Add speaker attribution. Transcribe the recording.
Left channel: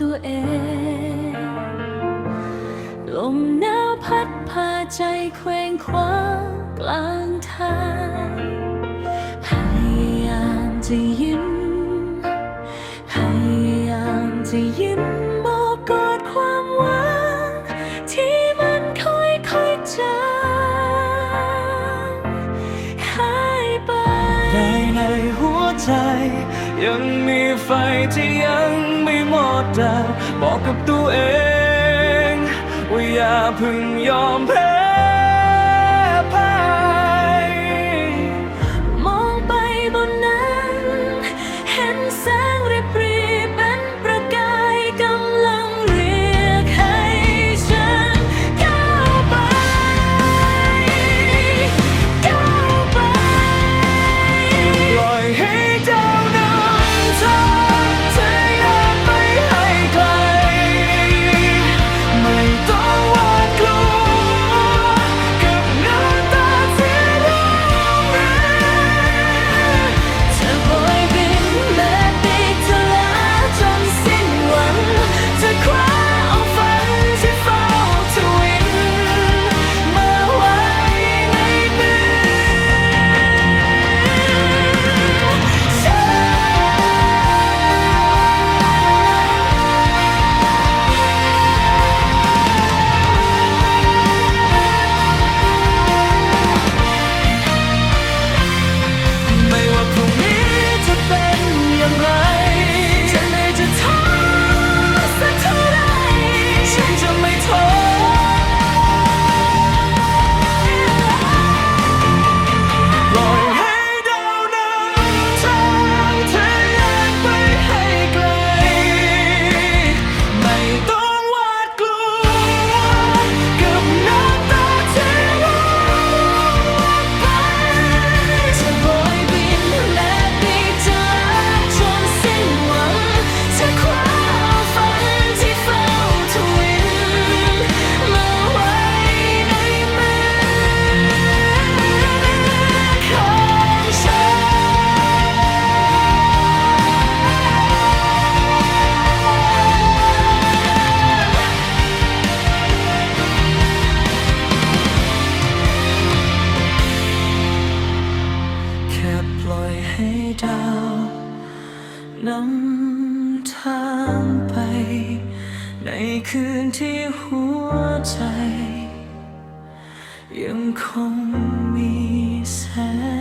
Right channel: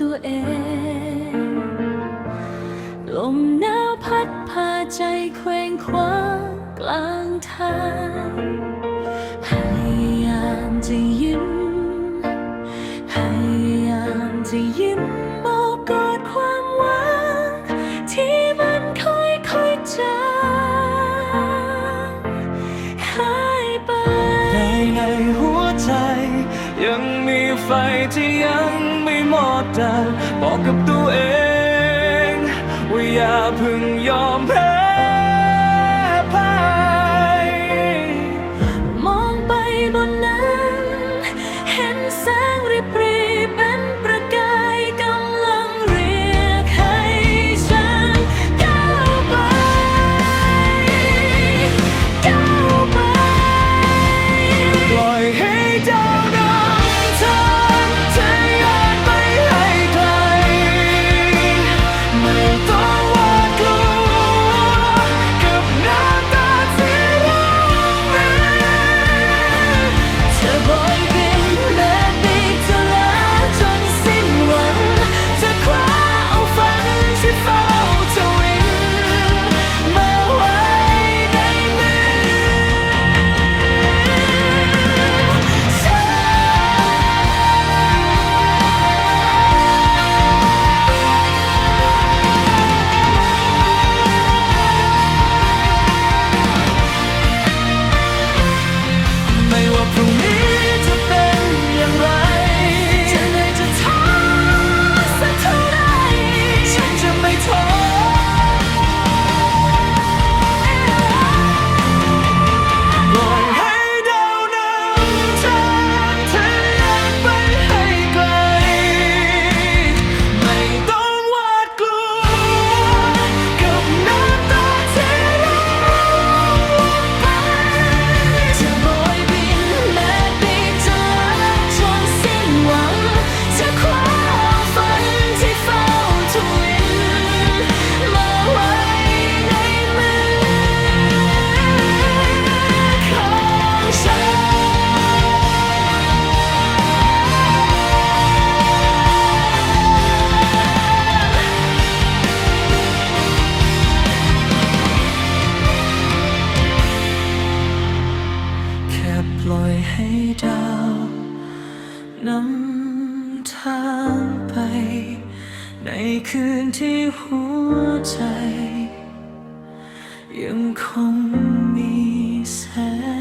Speaker 1: ตัวเอง ลมหนาวพัดพาใจเคว้งคว้างกลางทางพยายามจะยิ้มพยายามจะยิ้ม ยัง
Speaker 2: มีไฟที่ยังไม่หมดดังบอกกับตัวเอง ว่าอย่าเพึ่งยอมแพ้พ่าย
Speaker 1: มองไปบนนั้น เห็นแสงริบรีเป็นประกายกำลังเรียกให้ฉันก้าวไป ก้าวไป
Speaker 2: ปล่อยให้ แค่ปล่อยให้ดาวนำทางไป ในคืนที่หัวใจ ยังคงมีแสง